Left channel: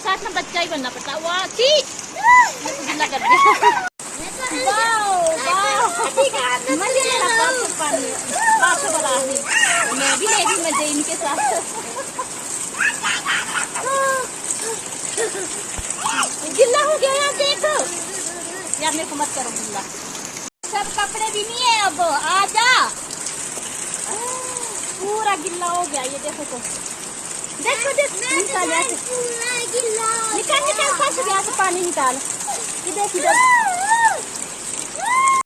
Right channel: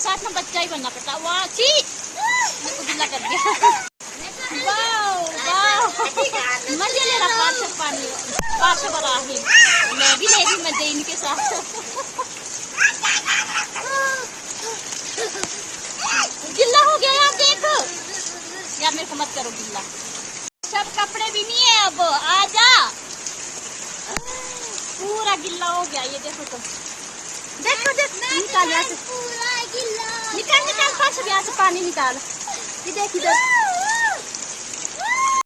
साथ में बच्चा ही बनना पड़ता। वाह चीज गिल्ला कर दिया। मैं भी लेगी मजे इनके साथ। गिल्ला हो गया यार, देखो यार, मेरे को मत करो गिल्ला। सब कपड़े भी नहीं है अब, आजा। पूरा गिल्ला हो गया ये, देखो तो, देखो निकाल, पूरा गिल्ला निकाल, निकाल, फंस गया, पानी निकाल, ये देख इधर।